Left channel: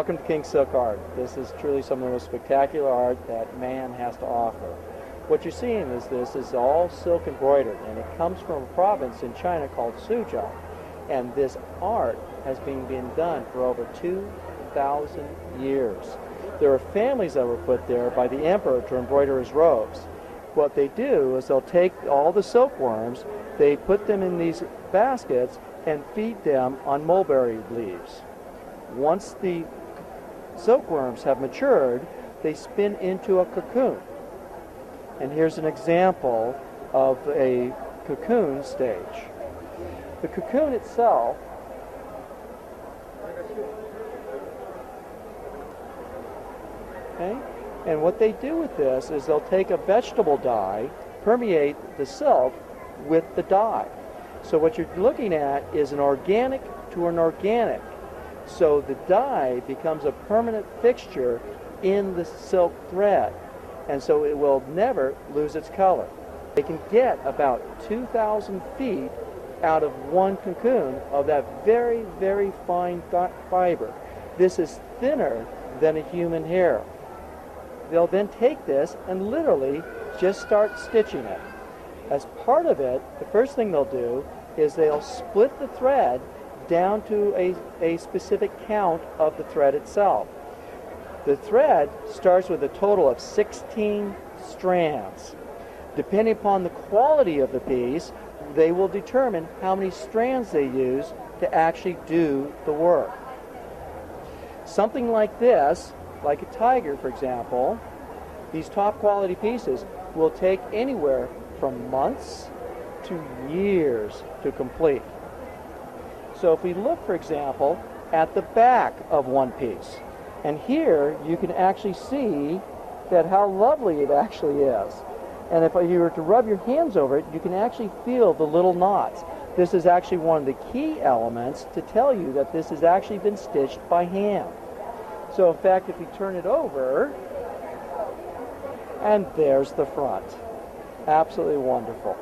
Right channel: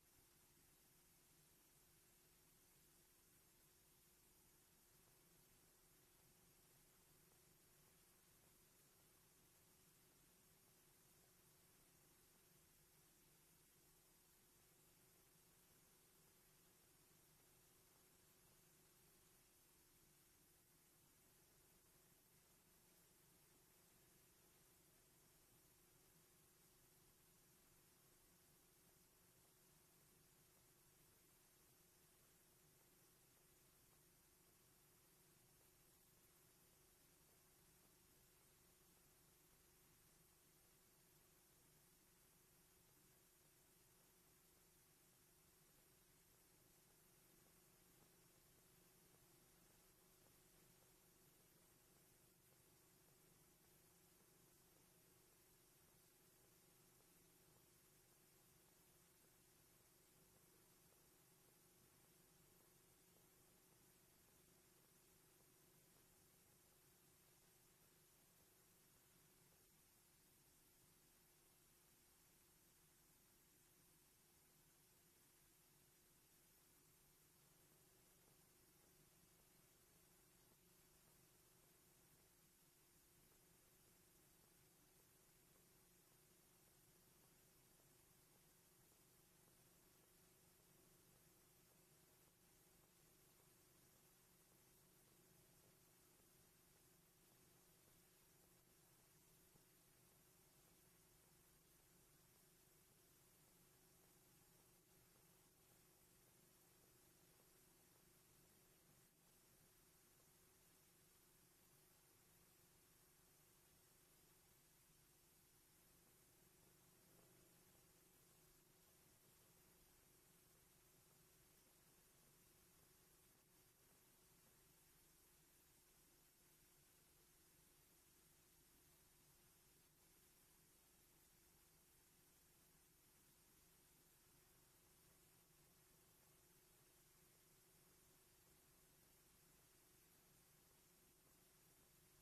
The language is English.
Welcome to King Silk Art. This is truly some of the most spectacular art that man has to offer. What you're seeing is this is all silk embroidered, and it comes from a province in China called Suzhou. And this art has been being done for over 2,000 years. There are families that were put there by the emperor to embroider his robes. What they do is they'll take all the silkworms, they put them in these baskets and feed them on mulberry leaves. Once the silkworms have matured, they spin into a cocoon. And here's an example of a cocoon stage. The cocoon itself and what they do with this is they'll take a vegetable dye, permeate the silk with the dye. So what you're looking at is an organic to an organic. So the dye becomes a permanent fixture in the silk thread, and so it will never lose its color. They can get about 2,000 feet out of one cocoon of that very, very fine fiber. This is thinner than a human hair. They'll then take this and literally just start stitching it. As part of it, the first thing they'll do is they'll split the thread down to a specific count of the thread itself. The thread starts with a total of 16 strands. Depending upon the quality of the piece, they will determine how many strands they use to actually do the work. Something like this, like a tiger for example, these top quality pieces will take anywhere from months to years to complete. So if we look, for example, at the back of one piece, and here you can actually see that how lovely it actually is. And if you were to rub your hands over it, you can actually feel the little knots. This is actually one of the key elements to tell you that this has actually been stitched by hand. So in fact, if you turn it over, and there's the front. Absolutely wonderful.